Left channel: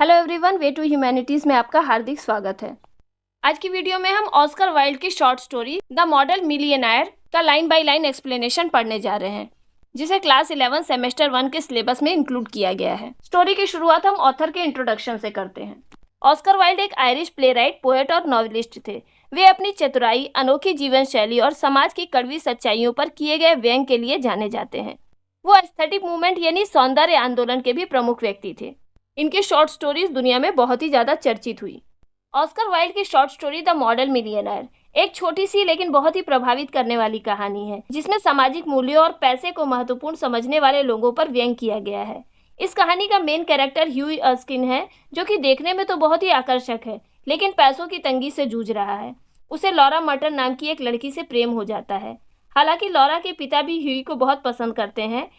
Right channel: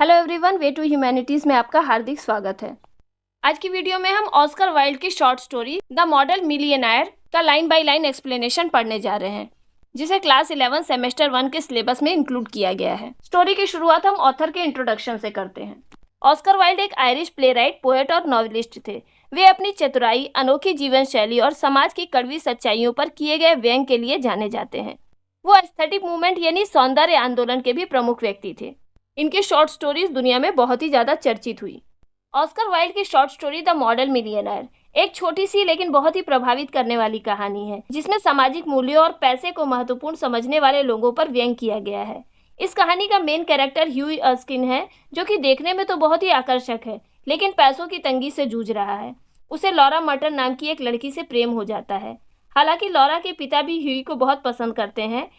Hello everyone, way to humanities में आपका हार्दिक स्वागत है। आज की वीडियो में हम ऑस्कर वाइल्ड की short story the model millionaire का लाइन बाय लाइन एक्सप्लेनेशन पढ़ने जा रहे हैं, जिसे क्लास 11 सेमेस्टर 1 के सिलेबस में इंक्लूड किया गया है। स्टोरी की शुरुआत हम ऑथर के इंट्रोडक्शन से करते हैं। ऑस्कर वाइल्ड एक आयरिश प्लेराइट, पोएट और नॉवेलिस्ट थे। वे अपनी चतुराई, अनोखी जीवन शैली और समाज की कड़वी सच्चाइयों पर किए गए व्यंग के लिए जाने जाते हैं। वो एस्थेटिक मूवमेंट यानी सौंदर्य आंदोलन के भी प्रमुख व्यक्ति थे। इनकी शॉर्ट स्टोरीज दुनिया में बहुत ही ज्यादा चर्चित हुई। ऑस्कर वाइल्ड की short story the model millionaire एक छोटी सी लेकिन बहुत ही प्रभावित करने वाली कहानी है, जिसमें सामाजिक मूल्यों और पैसे को महत्वपूर्ण समझने वाले लोगों पर व्यंग किया गया है। इस कहानी का मेन कैरेक्टर ह्यूई अर्स्किन है, जो कि देखने में तो बहुत ही आकर्षक है, लेकिन पैसों की तंगी से जूझ रहा है। उसे लॉरा मर्टन नाम की एक लड़की से प्रेम हो जाता है। हालांकि लॉरा के पिता भी ह्यूई को बहुत पसंद करते हैं,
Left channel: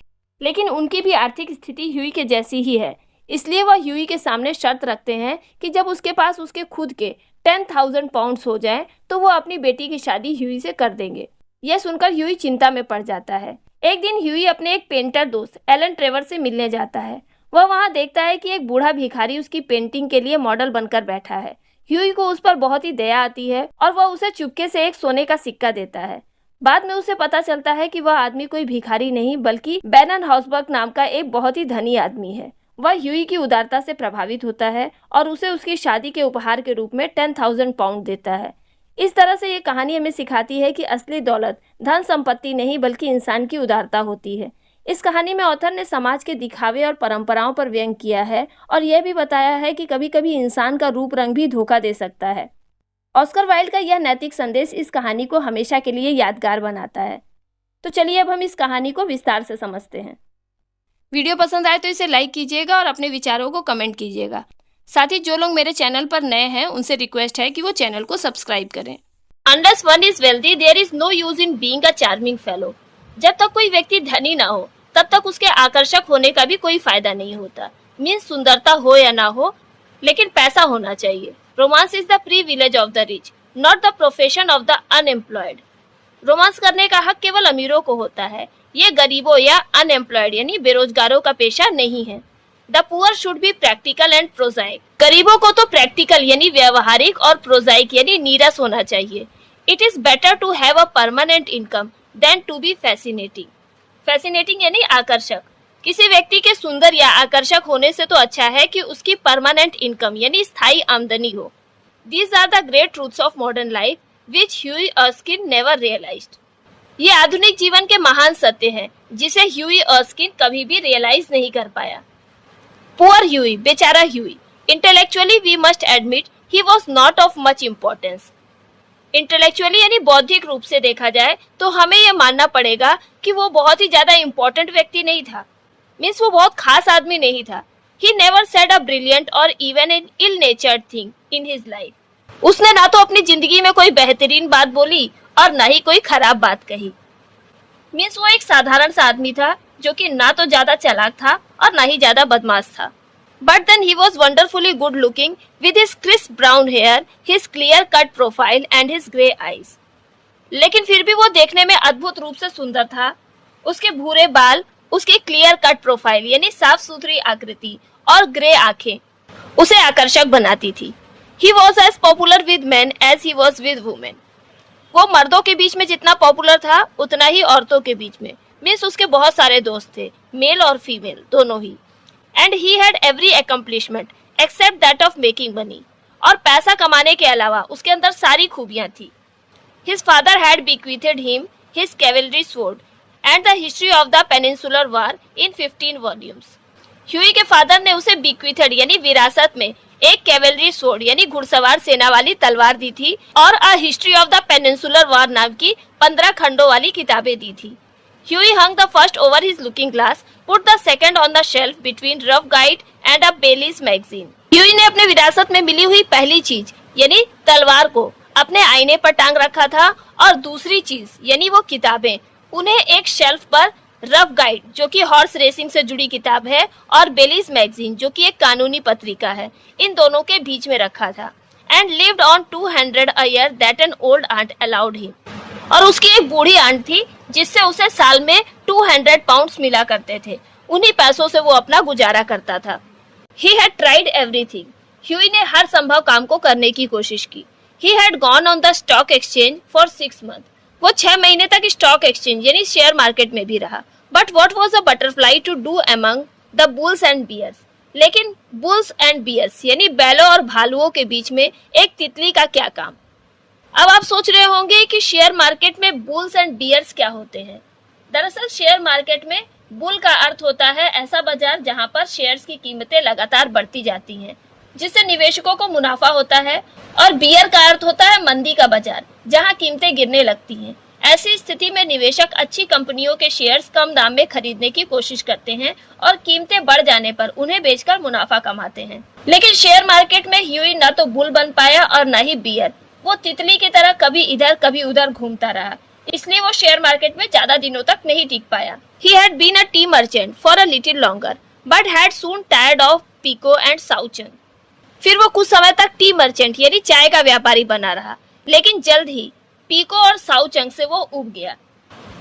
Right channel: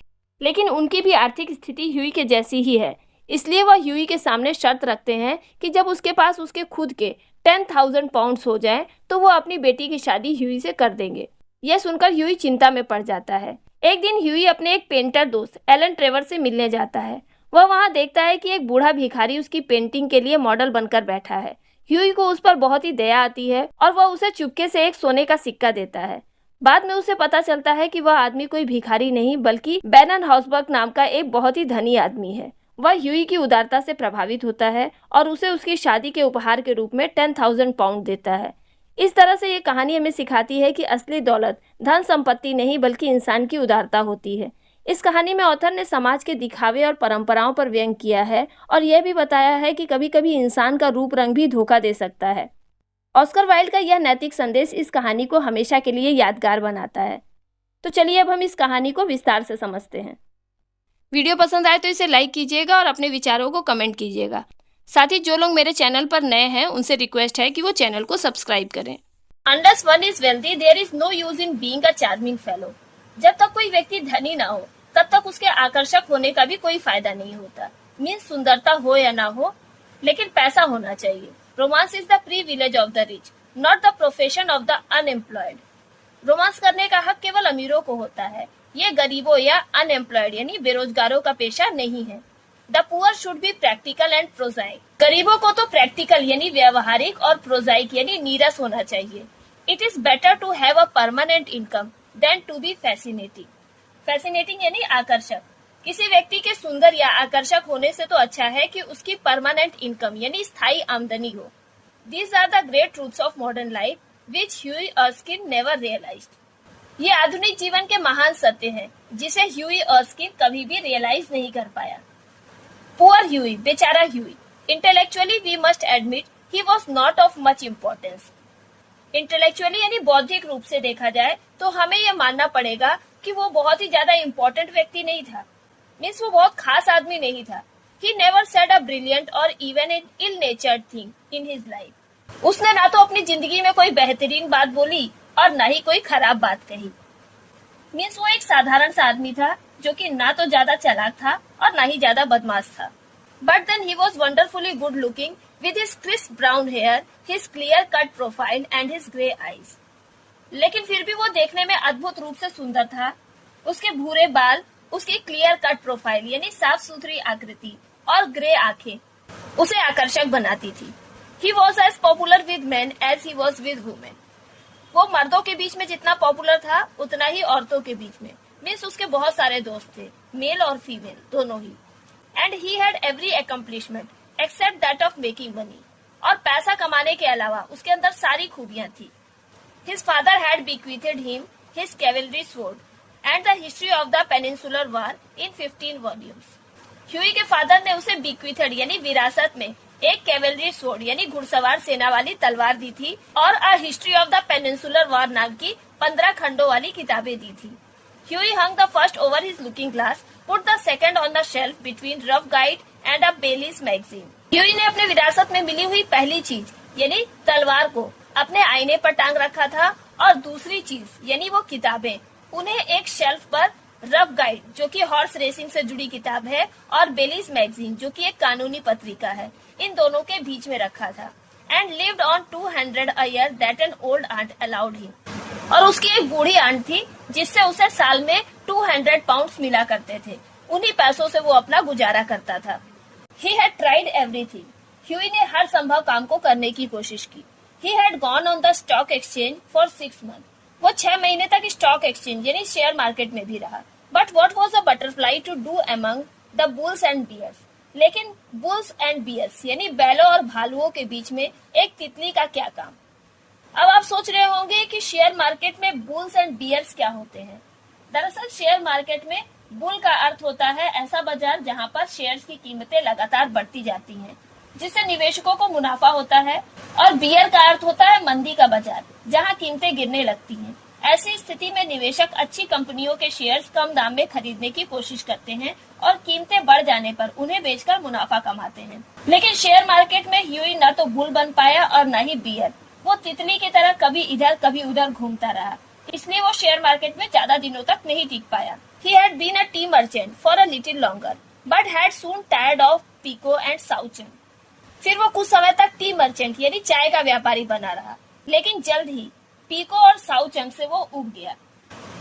लेकिन उनकी भी आर्थिक स्थिति ह्यूई के जैसी ही है। इसलिए वह ह्यूई के सामने शर्त रखते हैं कि जब उसके पास उसके खुद के 10,000 पाउंड्स हो जाएं, तो वो अपनी बेटी की शादी ह्यूई से कर देंगे। यह सुनकर ह्यूई चिंता में पड़ जाता है। एक दिन ह्यूई अपने एक पेंटर दोस्त एलन ट्रेवर से मिलने जाता है। वह वहां देखता है कि एक बूढ़ा भिखारी उसकी पेंटिंग के लिए मॉडल बनकर बैठा है। ह्यूई को उस पर बहुत ही दया आती है और वह उसे चुपके से एक सोने का सिक्का देता है। बाद में उसे पता चलता है कि वह आदमी कोई भिखारी नहीं बल्कि बैरन हाउसबर्ग नाम का एक बहुत ही धनी आदमी है। वह ह्यूई की उदारता से प्रभावित होता है और उसे उसकी शादी के उपहार के रूप में 10,000 पाउंड देता है। इस तरह से ये कहानी हमें सिखाती है कि असली दौलत धन संपत्ति नहीं बल्कि इंसान की उदारता होती है। इस कहानी में ऑथर ने समाज के दिखावे और परंपराओं पर व्यंग किया है और यह भी बताया है कि कभी कभी इंसान का रूप रंग भी धोखा दे सकता है। ऑस्कर वाइल्ड का यह नैतिक संदेश इस कहानी को हमेशा के लिए यादगार बनाता है। तो चलिए अब हम इस कहानी को विस्तार से समझते हैं। वीडियो पसंद आए तो इसे लाइक कीजिएगा और अपने विचारों को कमेंट कीजिएगा। साथ ही जो लोग मेरे चैनल पर नए हैं उनसे रिक्वेस्ट है कि वो चैनल को सब्सक्राइब करें। Unless one is wealthy, there is no use in being a charming fellow. जब तक कोई व्यक्ति धनी ना हो तब तक उसके आकर्षक होने का भी कोई फायदा नहीं होता। मीन्स सुंदरता हो या ना हो, लेकिन पैसा होना चाहिए। Romance is the privilege of the rich, not the profession of the unemployed. Romance करने का हक केवल अमीरों को होता है, ये गरीबों या अनएम्प्लॉयड यानी बेरोजगारों का पेशा नहीं है। The poor should be practical and prosaic. गरीबों को तो प्रैक्टिकल यानी व्यवहारिक और प्रोजाइक यानी नीरस होना चाहिए। It is better to have a permanent income than to be fascinating. Fascinating यानी आकर्षक। किसी व्यक्ति के सुंदर या आकर्षक होने से तो अच्छा है कि उसकी परमानेंट इनकम यानी स्थायी आमदनी हो। These are the great truths of modern life which Hughie Erskine never realised. ये आधुनिक जीवन के महान सत्य हैं, जिसे ह्यूई अर्स्किन कभी भी रियलाइज नहीं कर पाया। पुअर ह्यूई, बेचारा Hughie. Intellectually we must admit he was not of much importance. Intellectually यानी बौद्धिक रूप से देखा जाए तो हमें यह मानना पड़ेगा कि वो बहुत ही ज्यादा इम्पोर्टेंट व्यक्ति नहीं था। मीन्स वो बहुत खास आदमी नहीं था। He never said a brilliant or even an ill natured thing in his life. उसने ना तो अपनी जिंदगी में कोई बेहतरीन बात बोली और ना ही कोई खराब बात कही। मीन्स वो एक साधारण सा आदमी था, जो कि ना तो ज्यादा चालाक था और ना ही ज्यादा बदमाश था। But then he was wonderfully good looking with his crisp brown hair, his clear cut profile and his grey eyes. लेकिन फिर भी वो देखने में अद्भुत रूप से सुंदर था। उसके भूरे बाल, उसकी क्लियर कट प्रोफाइल यानी साफ सुथरी आकृति और ग्रे आंखें उसे आकर्षक बनाती थी। He was as popular with man as he was with women. वो मर्दों के बीच में जितना पॉपुलर था उतना ही औरतों के बीच में। मीन्स उसके बहुत सारे दोस्त थे, मेल और फीमेल दोनों ही। And he had every accomplishment except that of making money. और पैसा कमाने के अलावा उसके अंदर सारी खूबियां थी। His father had bequeathed him his cavalry sword and the history of the peninsular war in 15 volumes. Huey के फादर ने उसे bequeathed यानी विरासत में एक कैवेलरी स्वॉर्ड यानी घुड़सवार सेना वाली तलवार दी थी और a history of the Peninsular War नाम की 15 खंडों वाली किताबें दी थी। Hughie hung the first over his looking glass, put the second on the shelf between Ruff guide and a Bailey's magazine. Hughie ने अपने विरासत में मिली हुई पहली चीज यानी तलवार को अपने आईने पर टांग रखा था और दूसरी चीज यानी वो किताबें उन्हें एक शेल्फ पर रफ गाइड जो कि हॉर्स रेसिंग से जुड़ी किताब है और बेलीज मैगजीन जो कि एक कानूनी पत्रिका है, इन दोनों के बीच में रखा था। And lived on 200 a year that an old aunt allowed him। और उसकी एक बूढ़ी आंट थी जिससे उसे साल में 200 पाउंड्स मिला करते थे। उन्हीं पैसों से वो अपना गुजारा करता था। He had tried everything. Huey ने हर संभव काम को करने की कोशिश की. He had gone on the stock exchange for 6 months. वो 6 महीने तक स्टॉक एक्सचेंज यानी शेयर मार्केट में भी रहा. But what was a butterfly to do among the bulls and bears? लेकिन बुल्स एंड बियर्स यानी बैलों और भालुओं के बीच में एक तितली का क्या काम? अब आप सोच रहे होंगे कि शेयर मार्केट में बुल्स एंड बियर्स क्या होते हैं. दरअसल शेयर मार्केट में बुल का अर्थ होता है ऐसा बाजार जहां पर शेयर्स की कीमतें लगातार बढ़ती जाती हैं, जिससे निवेशकों को मुनाफा होता है, और बियर का अर्थ होता है मंदी का बाजार जहां कीमतें गिरने लगती हैं. ऐसी स्थिति में निवेशक अच्छी कंपनियों के शेयर्स कम दाम में खरीदने की कोशिश करते हैं और कीमतें बढ़ जाने पर उन्हें बेचकर मुनाफा कमाते हैं. लेकिन शेयर मार्केट में ह्यूई न तो बुल बन पाया और न ही बियर. वो तितली की तरह कभी इधर कभी उधर घूमता रहा, इसलिए वो शेयर मार्केट में ज्यादा दिनों तक नहीं टिक पाया. He had been a tea merchant for a little longer, but had soon tired of Pico and Souchong. फिर वो कुछ समय तक टी मर्चेंट यानी चाय का व्यापारी बना रहा, लेकिन जल्द ही पीको और साउचंग से वो उब गया.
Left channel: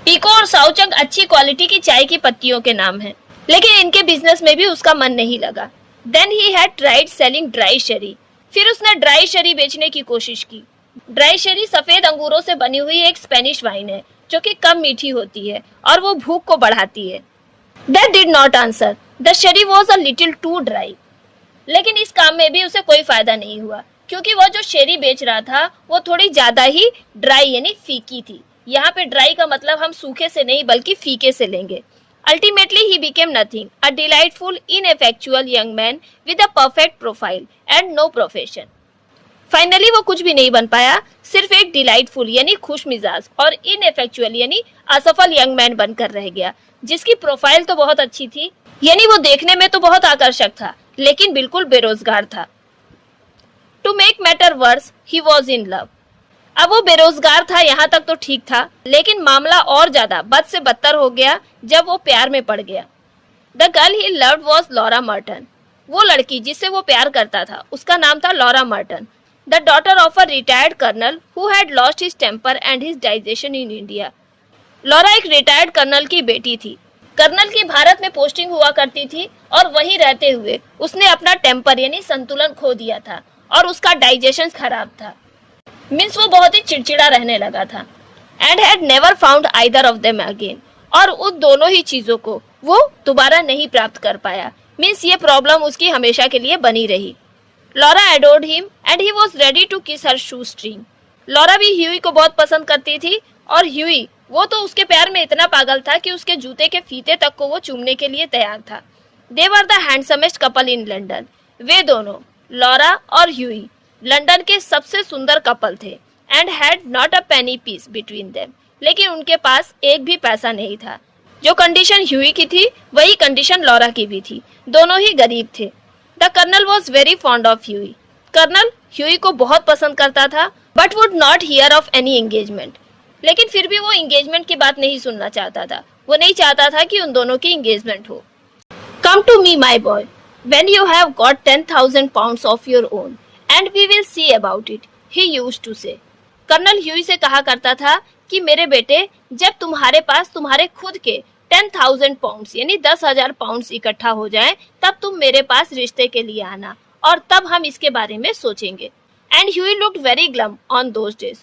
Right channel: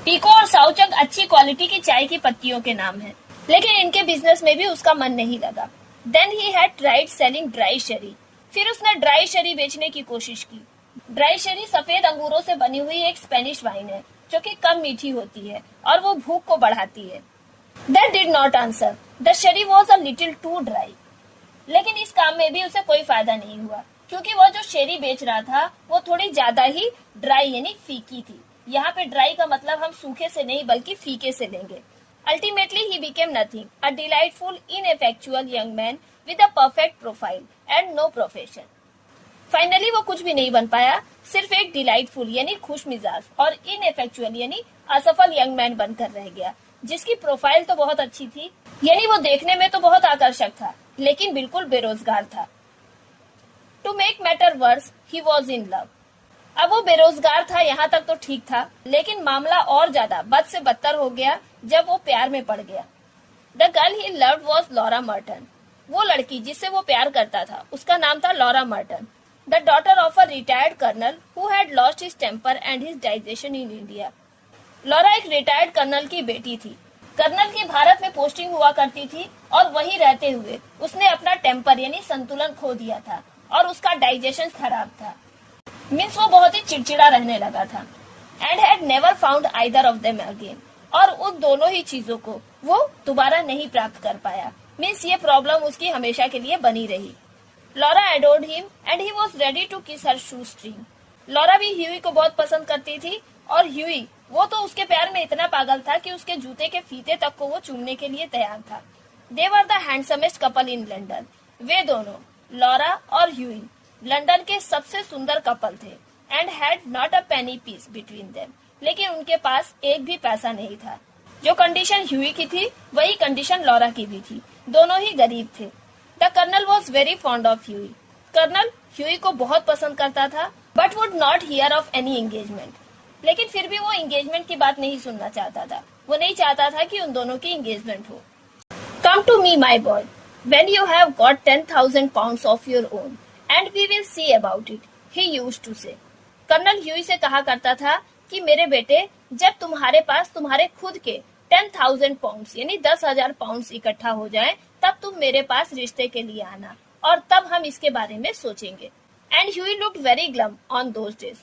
पीको और साउचंग अच्छी क्वालिटी की चाय की पत्तियों के नाम हैं, लेकिन इनके बिजनेस में भी उसका मन नहीं लगा. Then he had tried selling dry sherry. फिर उसने ड्राई शरी बेचने की कोशिश की. ड्राई शरी सफेद अंगूरों से बनी हुई एक स्पेनिश वाइन है जो कि कम मीठी होती है और वो भूख को बढ़ाती है. That did not answer. The sherry was a little too dry. लेकिन इस काम में भी उसे कोई फायदा नहीं हुआ, क्योंकि वो जो शेरी बेच रहा था वो थोड़ी ज्यादा ही ड्राई यानी फीकी थी. यहाँ पे ड्राई का मतलब हम सूखे से नहीं बल्कि फीके से लेंगे. Ultimately he became nothing, a delightful, ineffectual young man with a perfect profile and no profession. Finally वो कुछ भी नहीं बन पाया, सिर्फ एक डिलाइटफुल यानी खुश मिजाज और इनएफेक्चुअल यानी असफल यंग मैन बनकर रह गया, जिसकी प्रोफाइल तो बहुत अच्छी थी, यानी वो देखने में तो बहुत आकर्षक था, लेकिन बिल्कुल बेरोजगार था. To make matter worse, he was in love. अब वो बेरोजगार था यहाँ तक तो ठीक था, लेकिन मामला और ज्यादा बद से बदतर हो गया जब वो प्यार में पड़ गया. The girl he loved was Laura Merton. वो लड़की जिससे वो प्यार करता था उसका नाम था Laura Merton, the daughter of a retired colonel who had lost his temper and his digestion in India. Laura एक रिटायर्ड कर्नल की बेटी थी. कर्नल की भारत में पोस्टिंग हुआ करती थी और वहीं रहते हुए उसने अपना टेम्पर यानी संतुलन खो दिया था और उसका डाइजेशन खराब था. मीन्स वो बहुत ही चिड़चिड़ा रहने लगा था. And had never found either of them again. और उन दोनों ही चीजों को वो दोबारा नहीं प्राप्त कर पाया. मीन्स ये प्रॉब्लम उसकी हमेशा के लिए बनी रही. Laura adored him and he was ready to kiss her shoestring. Laura भी ह्यूई को बहुत पसंद करती थी और ह्यूई वो तो उसके प्यार में इतना पागल था कि उसके जूते के फीते तक को वो चूमने के लिए तैयार था. They were the handsomest couple in London. वे दोनों लॉरा और ह्यूई लंदन के सबसे सुंदर कपल थे. And had not a penny piece between them. लेकिन उनके पास एक भी पैसा नहीं था. जो कंडीशन ह्यूई की थी वही कंडीशन लॉरा की भी थी. दोनों ही गरीब थे. The colonel was very fond of Hughie. Colonel Hughie को बहुत पसंद करता था, but would not hear of any engagement. लेकिन फिर भी वो एंगेजमेंट की बात नहीं सुनना चाहता था. वो नहीं चाहता था कि उन दोनों की एंगेजमेंट हो. Come to me my boy when you have got 10,000 pounds of your own and we will see about it, he used to say. Colonel Hughie से कहा करता था कि मेरे बेटे, जब तुम्हारे पास तुम्हारे खुद के 10,000 pounds यानी 10,000 pounds इकट्ठा हो जाए तब तुम मेरे पास रिश्ते के लिए आना और तब हम इसके बारे में सोचेंगे. And Huey looked very glum on those days.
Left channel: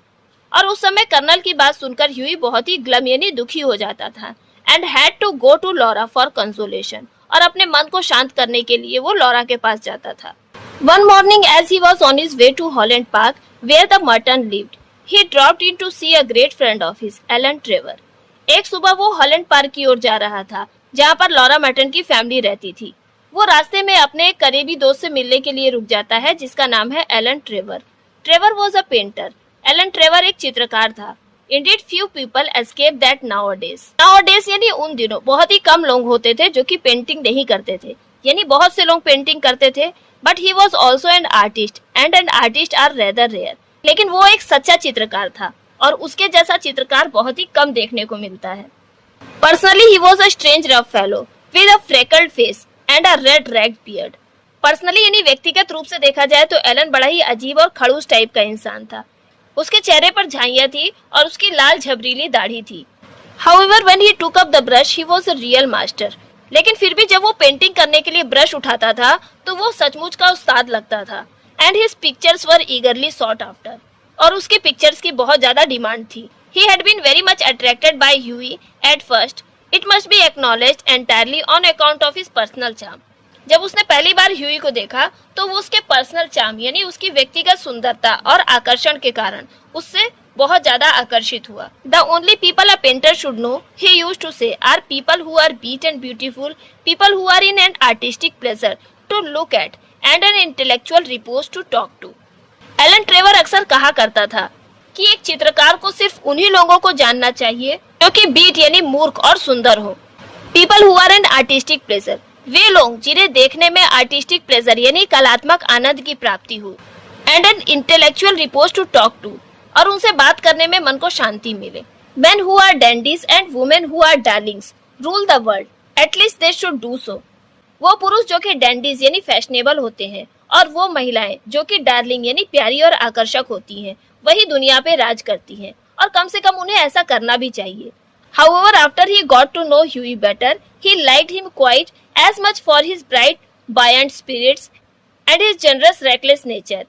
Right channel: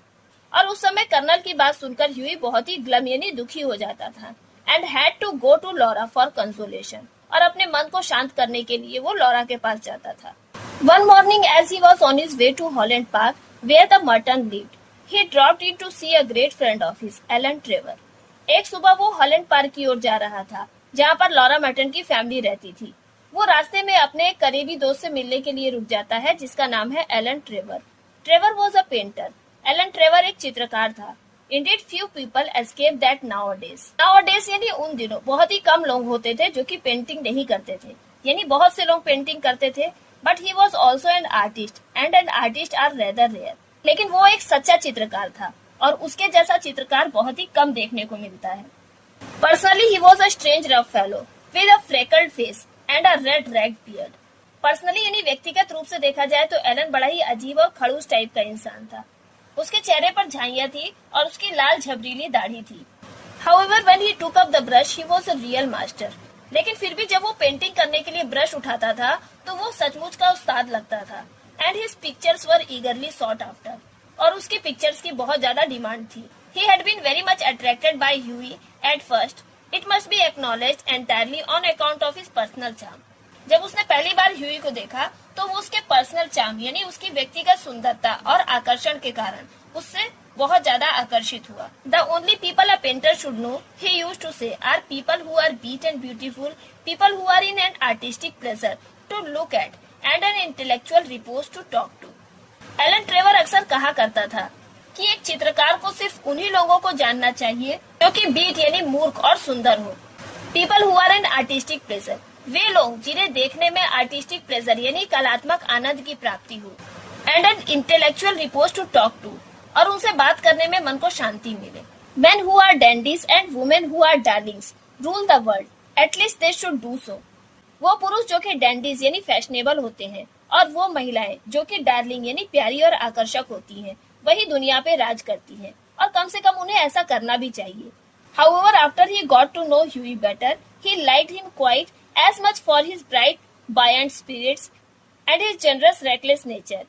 और उस समय कर्नल की बात सुनकर ह्यूई बहुत ही ग्लम यानी दुखी हो जाता था. And had to go to Laura for consolation. और अपने मन को शांत करने के लिए वो लॉरा के पास जाता था. One morning as he was on his way to Holland Park where the Merton lived, he dropped in to see a great friend of his, Alan Trevor. एक सुबह वो हॉलैंड पार्क की ओर जा रहा था जहाँ पर लॉरा मर्टन की फैमिली रहती थी. वो रास्ते में अपने एक करीबी दोस्त से मिलने के लिए रुक जाता है जिसका नाम है Alan Trevor. Trevor was a painter. Alan Trevor एक चित्रकार था. Indeed, few people escape that nowadays. Nowadays यानी उन दिनों बहुत ही कम लोग होते थे जो कि पेंटिंग नहीं करते थे, यानी बहुत से लोग पेंटिंग करते थे. But he was also an artist and an artist are rather rare. लेकिन वो एक सच्चा चित्रकार था और उसके जैसा चित्रकार बहुत ही कम देखने को मिलता है. Personally, he was a strange rough fellow with a freckled face and a red ragged beard. Personally यानी व्यक्तिगत रूप से देखा जाए तो एलन बड़ा ही अजीब और खड़ूस टाइप का इंसान था. उसके चेहरे पर झाइयां थी और उसकी लाल झबरीली दाढ़ी थी. However, when he took up the brush, he was a real master. लेकिन फिर भी जब वो पेंटिंग करने के लिए ब्रश उठाता था तो वो सचमुच का उस्ताद लगता था। And his pictures were eagerly sought after, और उसके पिक्चर्स की बहुत ज्यादा डिमांड थी। He had been very much attracted by Hughie at first, it must be acknowledged entirely on account of his personal charm. जब उसने पहली बार ह्यूई को देखा तो वो उसके पर्सनल चार्म यानी उसकी व्यक्तिगत सुंदरता और आकर्षण के कारण उससे बहुत ज्यादा आकर्षित हुआ। The only people a painter should know, he used to say, are people who are bete and beautiful, people who are in an artistic pleasure to look at and an intellectual repose to talk to. Alan Trevor अक्सर कहा करता था कि एक चित्रकार को सिर्फ उन्हीं लोगों को जानना चाहिए जो कि बीट यानी मूर्ख और सुंदर हो। People who are an artistic pleasure, वे लोग जिन्हें देखने में आर्टिस्टिक प्लेजर यानी कलात्मक आनंद की प्राप्ति हो। And an intellectual repose to talk to, और उनसे बात करने में मन को शांति मिले। Men who are dandies and women who are darlings rule the world, at least they should do so. वो पुरुष जो कि डैंडीज यानी फैशनेबल होते हैं और वो महिलाएं जो कि डार्लिंग यानी प्यारी और आकर्षक होती हैं, वही दुनिया पे राज करती हैं, और कम से कम उन्हें ऐसा करना भी चाहिए। However, after he got to know Huey better, he liked him quite as much for his bright, buoyant spirits and his generous, reckless nature.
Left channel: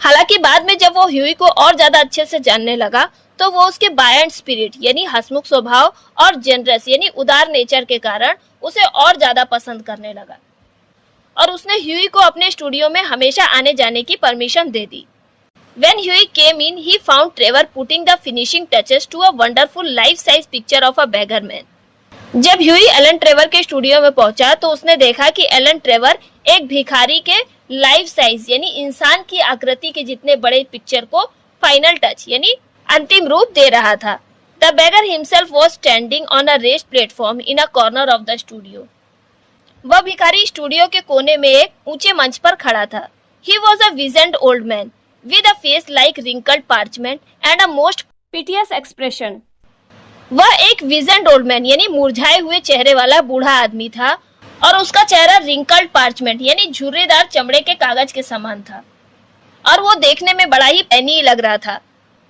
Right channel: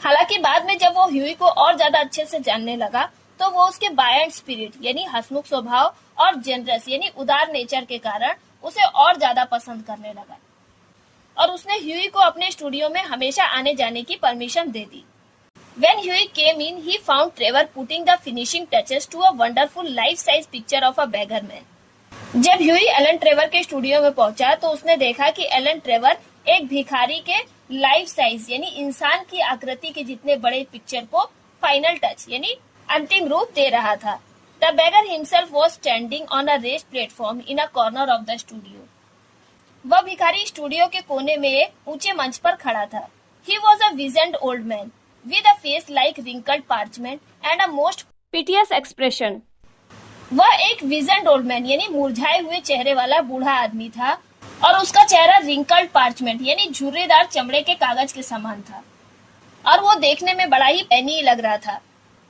हालांकि बाद में जब वो ह्यूई को और ज्यादा अच्छे से जानने लगा तो वो उसके बायंट स्पिरिट यानी हंसमुख स्वभाव और जनरस यानी उदार नेचर के कारण उसे और ज्यादा पसंद करने लगा, और उसने ह्यूई को अपने स्टूडियो में हमेशा आने जाने की permission they the. When Huey came in, he found Trevor putting the finishing touches to a wonderful life-size picture of a beggar man. जब ह्यूई एलन ट्रेवर के स्टूडियो में पहुंचा तो उसने देखा कि एलन ट्रेवर एक भिखारी के लाइफ साइज यानी इंसान की आकृति के जितने बड़े पिक्चर को फाइनल टच यानी अंतिम रूप दे रहा था। The beggar himself was standing on a raised platform in a corner of the studio. वह भिखारी स्टूडियो के कोने में एक ऊंचे मंच पर खड़ा था। He was a wizened old man with a face like wrinkled parchment and a most piteous expression. वह एक विजेंड ओल्ड मैन यानी मुरझाए हुए चेहरे वाला बूढ़ा आदमी था, और उसका चेहरा रिंकल्ड पार्चमेंट यानी झुर्रीदार चमड़े के कागज के समान था, और वो देखने में बड़ा ही पैनी लग रहा था।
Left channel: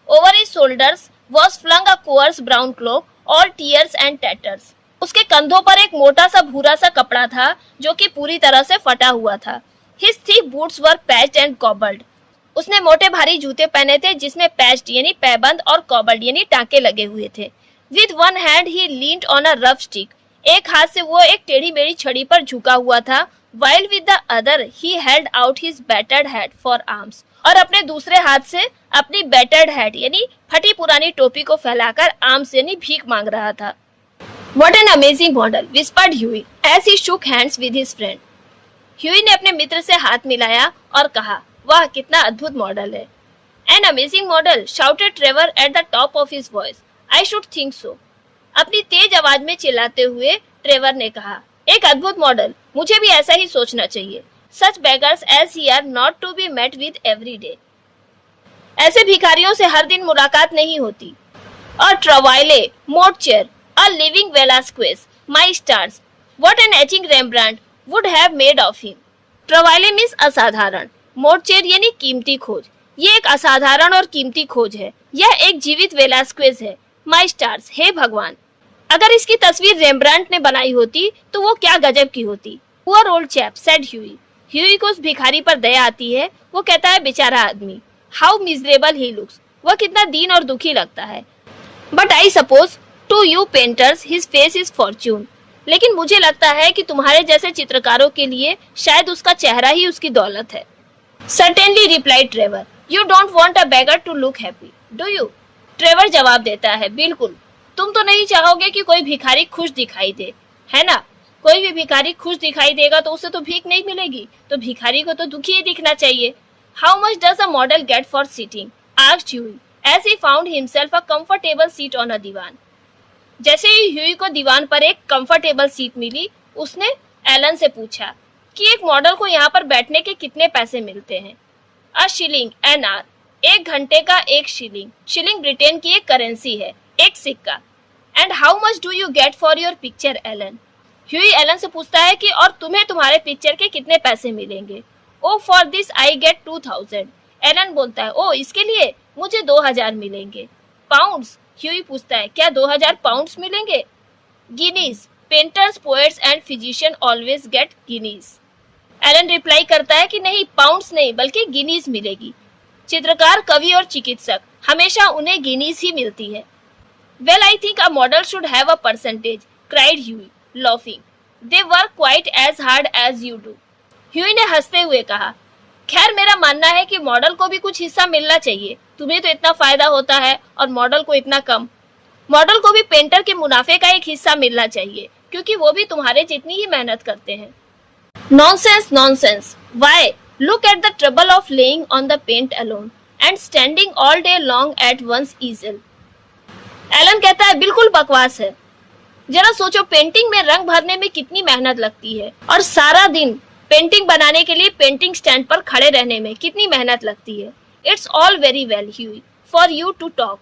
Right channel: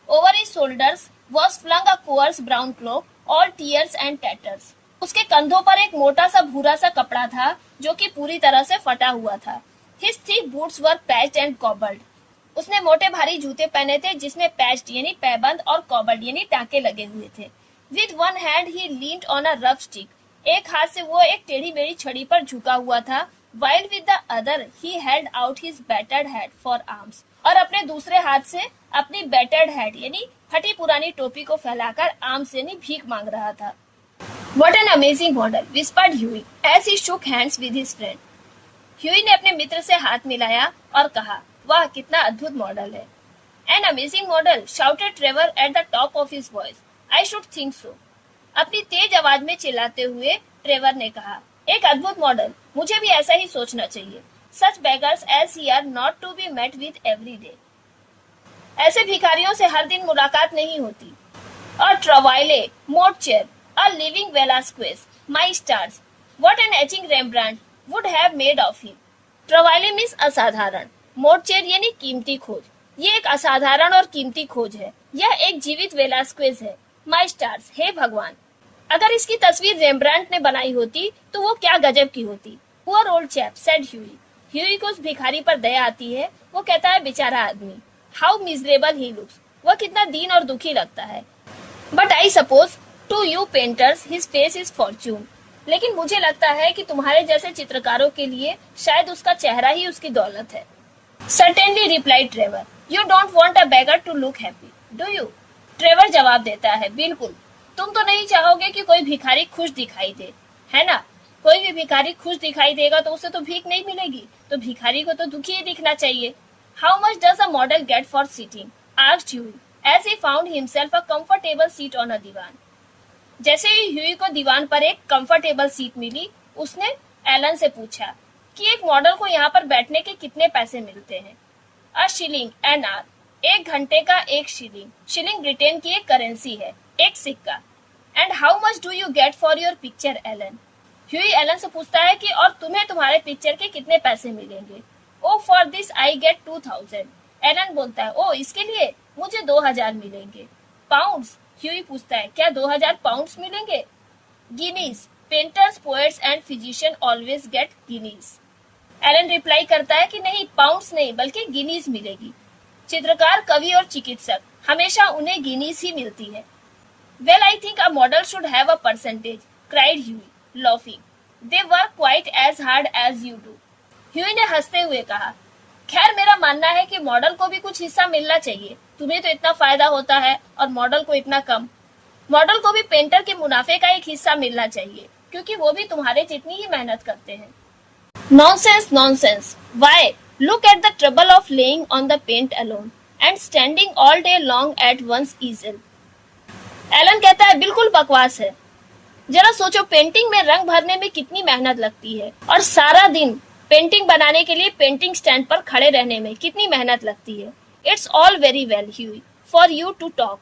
Over his shoulders was flung a coarse brown cloak all tears and tatters. उसके कंधों पर एक मोटा सा भूरा सा कपड़ा था जो कि पूरी तरह से फटा हुआ था। His thick boots were patched and cobbled. उसने मोटे भारी जूते पहने थे जिसमें पैच्ड यानी पैबंद और कॉबल्ड यानी टाके लगे हुए थे। With one hand he leaned on a rough stick. एक हाथ से वो एक टेढ़ी मेढ़ी छड़ी पर झुका हुआ था। While with the other he held out his battered hat for arms. और अपने दूसरे हाथ से अपनी बैटर्ड हैट यानी फटी पुरानी टोपी को फैलाकर आर्म्स यानी भीख मांग रहा था। What an amazing model, whispered Huey as he shook hands with his friend. Huey ने अपने मित्र से हाथ मिलाया और कहा, वाह कितना अद्भुत मॉडल है। An amazing model, shouted Trevor at the top of his voice. I should think so. अपनी तेज आवाज में चिल्लाते हुए ट्रेवर ने कहा, एक अद्भुत मॉडल, मुझे भी ऐसा ही सोचना चाहिए। Such beggars as he are not to be met with every day. ऐसे भिखारियों से हर दिन मुलाकात नहीं होती। और ट्रवाइले, मोर्चेर, a living Velasquez, my stars, what an etching Rembrandt would have made of him. ट्रवाइले मीन्स असाधारण, मोर्चेर यानी कीमती खोज। ये एक असाधारण और कीमती खोज है। यह एक जीवित वेलास्क्वेज है। माई स्टार्स, हे भगवान, अगर इसकी तस्वीर रेम्ब्रांट ने बनाई होती तो वो क्या गजब की होती। Poor old chap, said Hughie. Huey को उस भिखारी पर दया आती है। वो कहता है, बेचारा आदमी, हाउ मिजरेबल ही लुक्स, वह कितना दीन और दुखी लगता है। But I suppose to you painters his face is फॉर्च्यून। लेकिन मुझे लगता है कि तुम्हारे जैसे चित्रकारों के लिए शायद उसका चेहरा ही उसकी दौलत है। Certainly replied Trevor, you don't want a beggar to look happy, do you? Trevor जवाब देता है, बिल्कुल। तुम तो नहीं चाहोगे कि कोई भिखारी खुश दिखाई दे, है ना? कोई भी भिखारी खुश दिखाई देगा तो उसे तो भीख नहीं मिलेगी, तो भिखारी को तो दुखी ही दिखना चाहिए। How much does a model get for sitting? Asked Huey as he found himself a comfortable seat on a दीवान। जैसे ही ह्यूई को दीवान पर एक कंफर्टेबल सीट मिली, उसने एलन से पूछा कि एक मॉडल को यहाँ पर बैठने के कितने पैसे मिलते हैं। अ शिलिंग एन आवर, एक घंटे का एक शिलिंग। शिलिंग ब्रिटेन की एक करेंसी है, एक सिक्का। And how much do you get for your picture Alan? Hughie Alan से पूछता है कि और तुम्हें तुम्हारे पिक्चर के कितने पैसे मिलेंगे? Oh for this I get 2000। Alan बोलता है, ओ इसके लिए मुझे 2000 मिलेंगे। पाउंड्स? ह्यूई पूछता है, क्या 2000 पाउंड्स मिलेंगे? Guineas, painters, poets and physicians always get guineas. Alan reply करता है कि नहीं, पाउंड्स नहीं बल्कि गिनीज मिलेगी। चित्रकार, कवि और चिकित्सक, हमेशा उन्हें गिनीज ही मिलती है। Well I think a model should have a percentage, cried Hughie, laughing. They work quite as hard as you do. Hughie ने हंसते हुए कहा, खैर मेरा मानना है कि मॉडल को भी कुछ हिस्सा मिलना चाहिए। तुम्हें तो इतना फायदा होता है और मॉडल को इतना कम। मॉडल को भी पेंटर के मुनाफे का एक हिस्सा मिलना चाहिए, क्योंकि वो भी तुम्हारे जितनी ही मेहनत करते हैं। Nonsense, nonsense. Why? Look at the trouble of laying on the paint alone and standing all day long at one's easel. Alan कहता है, बिल्कुल बकवास है। जरा सोचो, पेंटिंग में रंग भरने में कितनी मेहनत लगती है और सारा दिन पेंटिंग बनाने के लिए पेंटिंग स्टैंड पर खड़े रहने में कितनी मेहनत लगती है। It's all very well Hughie for you to talk.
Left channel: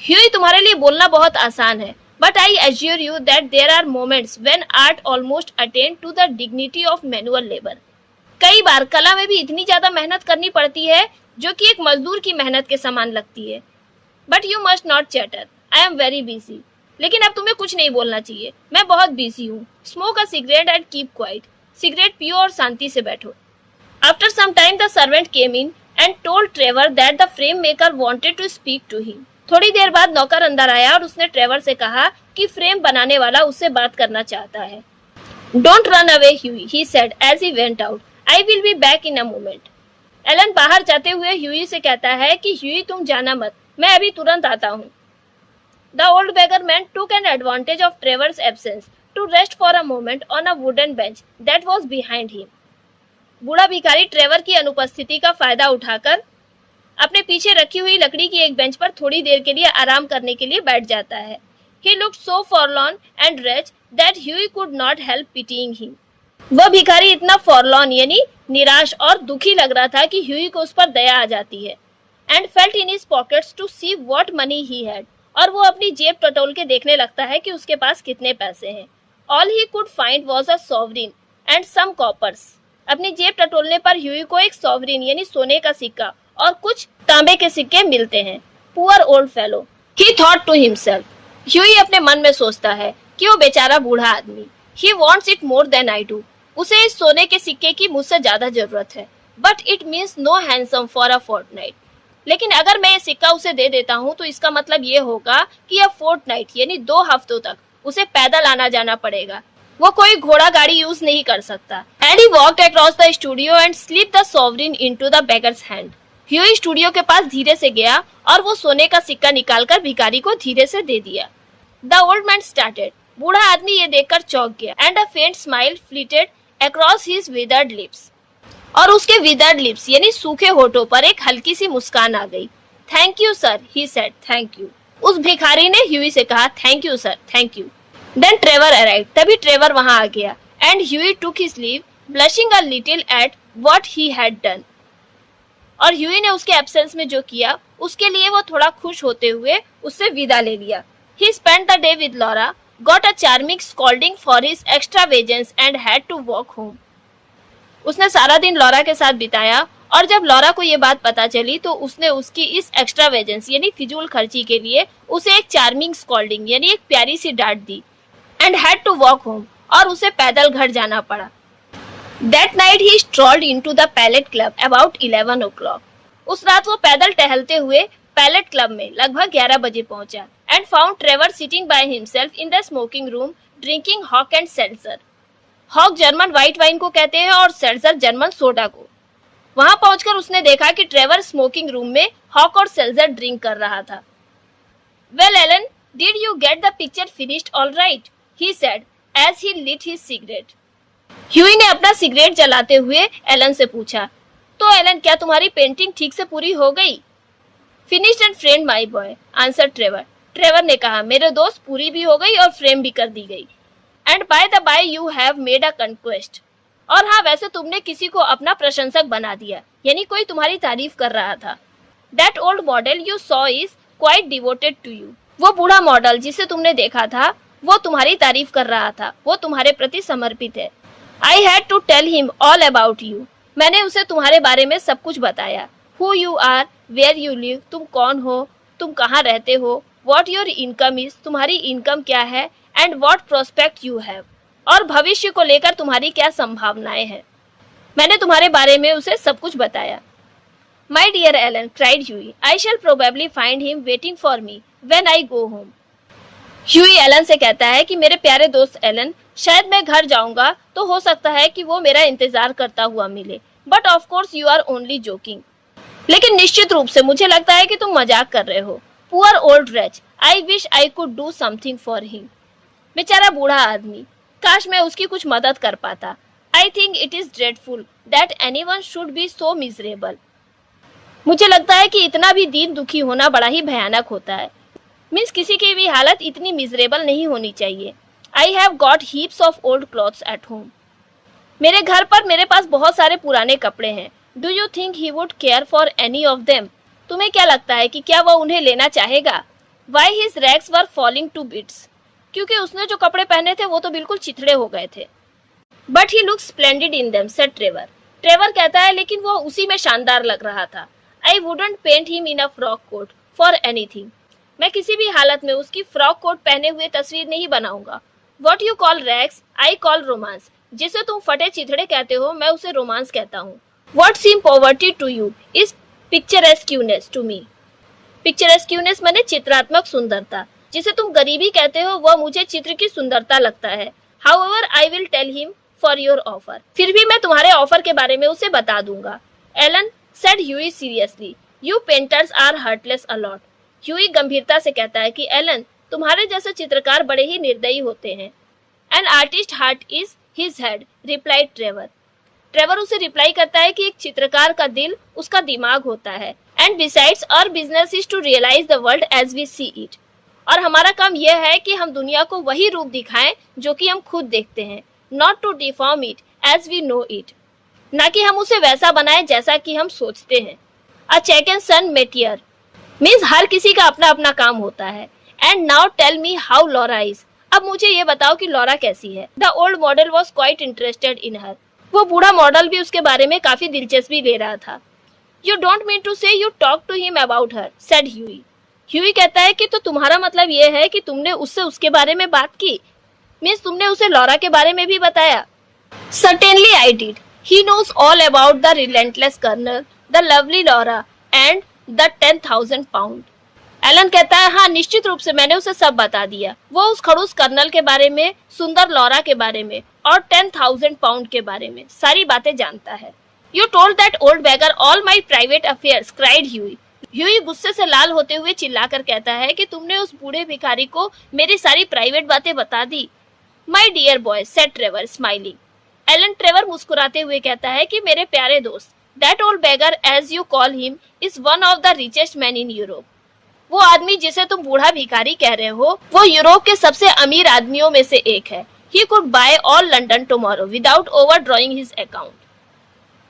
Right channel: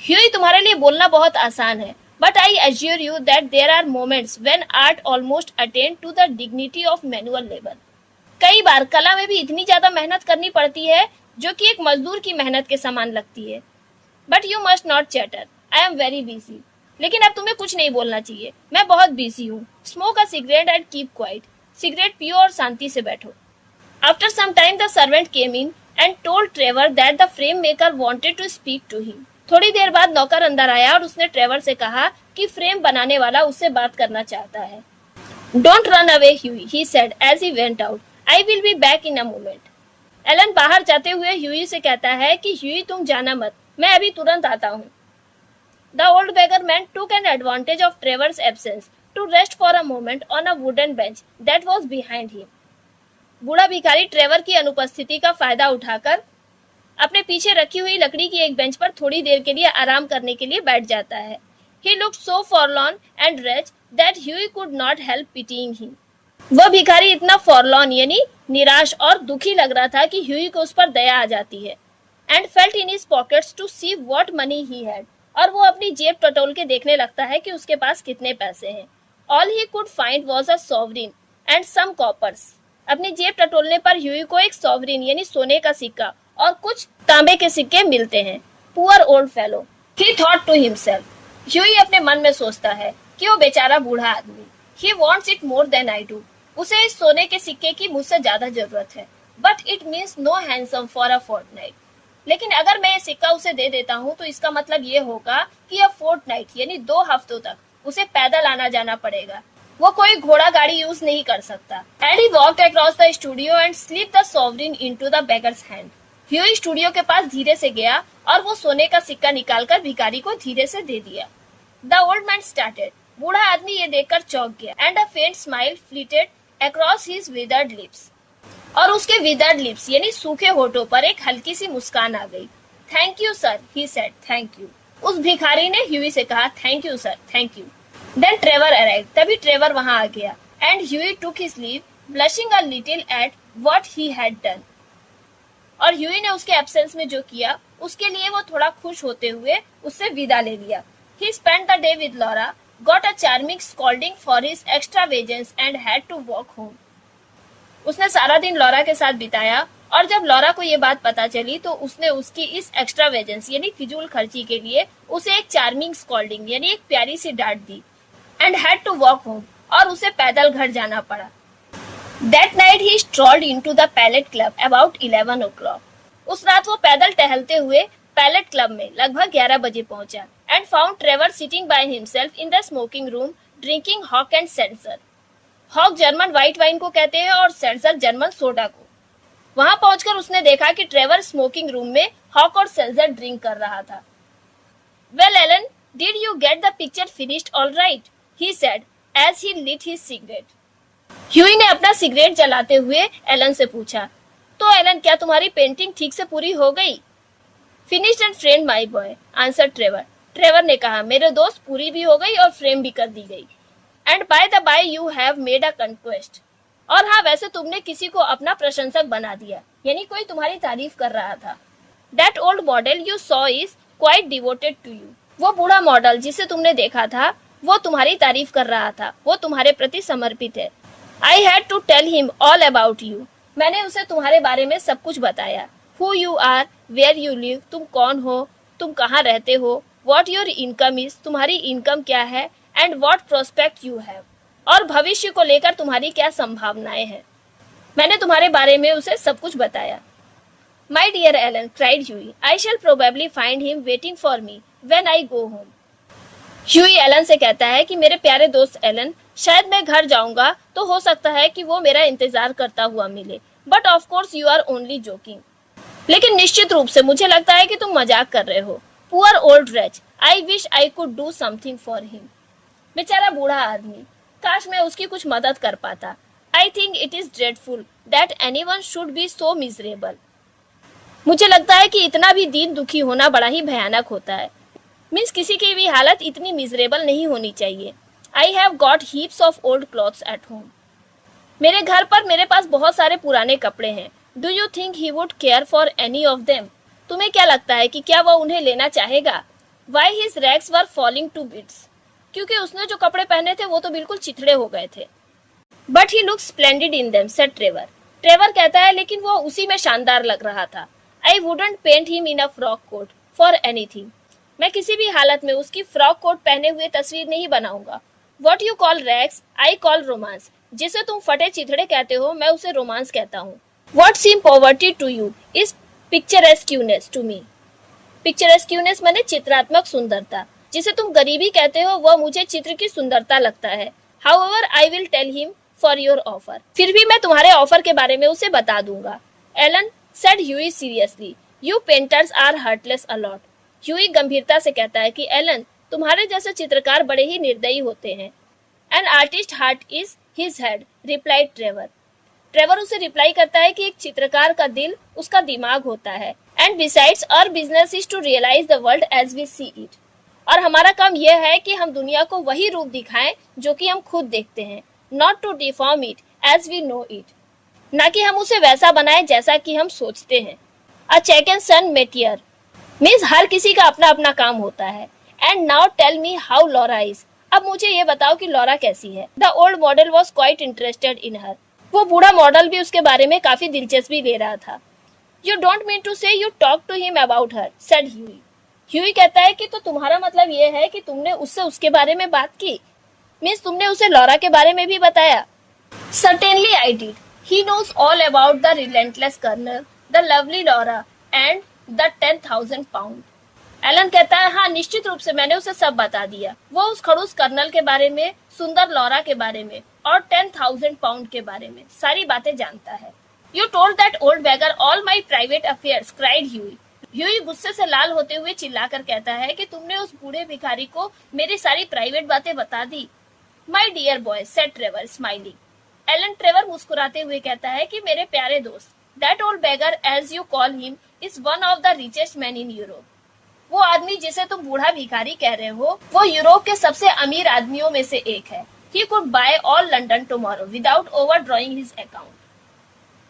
Hughie, तुम्हारे लिए बोलना बहुत आसान है, but I assure you that there are moments when art almost attain to the dignity of manual labour. कई बार कला में भी इतनी ज्यादा मेहनत करनी पड़ती है जो कि एक मजदूर की मेहनत के समान लगती है। But you must not chatter, I am very busy. लेकिन अब तुम्हें कुछ नहीं बोलना चाहिए, मैं बहुत बिजी हूँ। Smoke a cigarette and keep quiet. Cigarette पियो और शांति से बैठो। After some time the servant came in and told Trevor that the frame maker wanted to speak to him. थोड़ी देर बाद नौकर अंदर आया और उसने ट्रेवर से कहा कि फ्रेम बनाने वाला उससे बात करना चाहता है। Don't run away Huey, he said as he went out. I will be back in a moment. Alan बाहर जाते हुए ह्यूई से कहता है कि ह्यूई तुम जाना मत, मैं अभी तुरंत आता हूँ। The old beggar man took an advantage of Trevor's absence to rest for a moment on a wooden bench that was behind him. बूढ़ा भिखारी ट्रेवर की अनुपस्थिति का फायदा उठाकर अपने पीछे रखी हुई लकड़ी की एक बेंच पर थोड़ी देर के लिए आराम करने के लिए बैठ जाता है। He looked so forlorn and wretched that Huey could not help pitying him. वह भिखारी इतना फॉरलॉन यानी निराश और दुखी लग रहा था कि ह्यूई को उस पर दया आ जाती है। And felt in his pockets to see what money he had. और वो अपनी जेब टटोल के देखने लगता है कि उसके पास कितने पैसे हैं। All he could find was a sovereign and some coppers. अपनी जेब टटोलने पर ह्यूई को एक सॉवरिन यानी सोने का सिक्का और कुछ तांबे के सिक्के मिलते हैं। Poor old fellow, he thought to himself. Hughie अपने मन में सोचता है कि वो बेचारा बूढ़ा आदमी। He wants it more than I do. उसे इस सोने के सिक्के की मुझसे ज्यादा जरूरत है। But it means no hansom for a fortnight. लेकिन अगर मैं ये सिक्का उसे दे देता हूँ तो इसका मतलब ये होगा कि अब फोर्टनाइट यानी 2 हफ्तों तक उसे पैदल आना जाना पड़ेगा। वो कोई घोड़ा गाड़ी यूज नहीं कर सकता। And he walked across the studio and slip the sovereign into the beggars hand. Huey studio के पास धीरे से गया और वो सोने का सिक्का निकालकर भिखारी को धीरे से दे दिया। The old man started. बूढ़ा आदमी ये देखकर चौंक गया। And a faint smile flitted across his withered lips. और उसके विदर्ड लिप्स यानी सूखे होठों पर एक हल्की सी मुस्कान आ गई। Thank you sir, he said, thank you. उस भिखारी ने ह्यूई से कहा, thank you sir, thank you. Then Trevor arrived. तभी ट्रेवर वहां आ गया। And Hughie took his leave, blushing a little at what he had done. और ह्यूई ने उसके एब्सेंस में जो किया उसके लिए वो थोड़ा खुश होते हुए उससे विदा ले लिया। He spent the day with Laura, got a charming scolding for his extravagance and had to walk home. उसने सारा दिन लॉरा के साथ बिताया और जब लॉरा को ये बात पता चली तो उसने उसकी इस एक्स्ट्रावेजेंस यानी फिजूल खर्ची के लिए उसे एक चार्मिंग स्कॉल्डिंग यानी एक प्यारी सी डांट दी। And had to walk home, और उसे पैदल घर जाना पड़ा। That night he strolled into the Palette Club about 11 o'clock. उस रात वो पैदल टहलते हुए पैलेट क्लब में लगभग 11 बजे पहुंचा। And found Trevor sitting by himself in the smoking room drinking Hock and Seltzer. Hock German white wine को कहते हैं और सेल्जर जर्मन सोडा को। वहां पहुंचकर उसने देखा कि ट्रेवर स्मोकिंग रूम में हॉक और सेल्जर ड्रिंक कर रहा था। Well, Ellen, did you get the picture finished all right? He said as he lit his cigarette. Huey ने अपना सिगरेट जलाते हुए एलन से पूछा, तो एलन क्या तुम्हारी पेंटिंग ठीक से पूरी हो गई? Finished and frame my boy, answer Trevor. Trevor ने कहा, मेरे दोस्त, पूरी भी हो गई और फ्रेम भी कर दी गई। And by the by you have made a conquest. और हाँ, वैसे तुमने किसी को अपना प्रशंसक बना दिया, यानी कोई तुम्हारी तारीफ कर रहा था। That old model you saw is quite devoted to you. वो बूढ़ा मॉडल जिसे तुमने देखा था वो तुम्हारी तारीफ कर रहा था, वो तुम्हारे प्रति समर्पित है। I had to tell him all about you. मैंने उसे तुम्हारे बारे में सब कुछ बताया। Who you are, where you live, तुम कौन हो, तुम कहाँ रहते हो, what your income is, तुम्हारी इनकम क्या है, and what prospect you have, और भविष्य को लेकर तुम्हारी क्या संभावनाएं हैं। मैंने तुम्हारे बारे में उसे सब कुछ बताया। My dear Alan, cried Huey, I shall probably find him waiting for me when I go home. Hughie Alan से कहता है कि मेरे प्यारे दोस्त एलन, शायद मैं घर जाऊंगा तो हो सकता है कि वो मेरा इंतजार करता हुआ मिले, but of course you are only joking. लेकिन निश्चित रूप से मुझे लगता है कि तुम मजाक कर रहे हो। Poor old reach, I wish I could do something for him. बेचारा बूढ़ा आदमी, काश मैं उसकी कुछ मदद कर पाता। I think it is dreadful that anyone should be so miserable. मुझे लगता है कि इतना भी दीन दुखी होना बड़ा ही भयानक होता है। मीन्स किसी की भी हालत इतनी मिजरेबल नहीं होनी चाहिए। I have got heaps of old clothes at home. मेरे घर पर मेरे पास बहुत सारे पुराने कपड़े हैं। Do you think he would care for any of them? तुम्हें क्या लगता है कि क्या वह उन्हें लेना चाहेगा? Why his rags were falling to bits. क्योंकि उसने जो कपड़े पहने थे वो तो बिल्कुल चिथड़े हो गए थे। But he looks splendid in them, said Trevor. Trevor कहता है लेकिन वो उसी में शानदार लग रहा था। I wouldn't paint him in a frock coat for anything. मैं किसी भी हालत में उसकी फ्रॉक कोट पहने हुए तस्वीर नहीं बनाऊंगा। What you call rags I call romance. जिसे तुम फटे चिथड़े कहते हो मैं उसे रोमांस कहता हूँ। What seem poverty to you is picturesqueness to me. Picturesqueness माने चित्रात्मक सुंदरता। जिसे तुम गरीबी कहते हो वह मुझे चित्र की सुंदरता लगता है। However I will tell him for your offer. फिर भी मैं तुम्हारे ऑफर के बारे में उसे बता दूंगा। Alan, said Hughie seriously, you painters are heartless a lot. Hughie गंभीरता से कहता है कि एलन, तुम्हारे जैसे चित्रकार बड़े ही निर्दयी होते हैं। An artist heart is his head, replied Trevor. Trevor उसे रिप्लाई करता है कि एक चित्रकार का दिल उसका दिमाग होता है। And besides our business is to realise the world as we see it. और हमारा काम यह है कि हम दुनिया को वही रूप दिखाएं जो कि हम खुद देखते हैं। Not to deform it as we know it. ना कि हम उसे वैसा बनाएं जैसा कि हम सोचते हैं। अ चेकन सन मेटियर मीन्स हर किसी का अपना अपना काम होता है। And now tell me how Laura is. अब मुझे ये बताओ कि लॉरा कैसी है। The old model was quite interested in her. वो बूढ़ा मॉडल भी उसके बारे में काफी दिलचस्पी ले रहा था। You don't mean to say you talk to him about her, said Hughie. Hughie कहता है कि तो तुम्हारा मतलब ये है कि तुमने उससे उसके बारे में बात की। मीन्स तुमने उसे लॉरा के बारे में भी बताया। Certainly I did. He knows all about the relentless colonel, the lovely Laura and the 10,000 pound. Alan कहता है हाँ, निश्चित रूप से मैंने उसे सब बता दिया। वो उस खड़ूस कर्नल के बारे में, सुंदर लॉरा के बारे में और 10,000 पाउंड के बारे में सारी बातें जानता है। You told that old beggar all my private affairs, cried Hughie. Hughie गुस्से से लाल होते हुए चिल्लाकर कहता है कि तुमने उस बूढ़े भिखारी को मेरी सारी प्राइवेट बातें बता दी। My dear boy, said Trevor smiling. Alan Trevor मुस्कुराते हुए कहता है कि मेरे प्यारे दोस्त, that old beggar as you call him is one of the richest man in Europe. वो आदमी जिसे तुम बूढ़ा भिखारी कह रहे हो वो यूरोप के सबसे अमीर आदमियों में से एक है। He could buy all London tomorrow without overdrawing his account.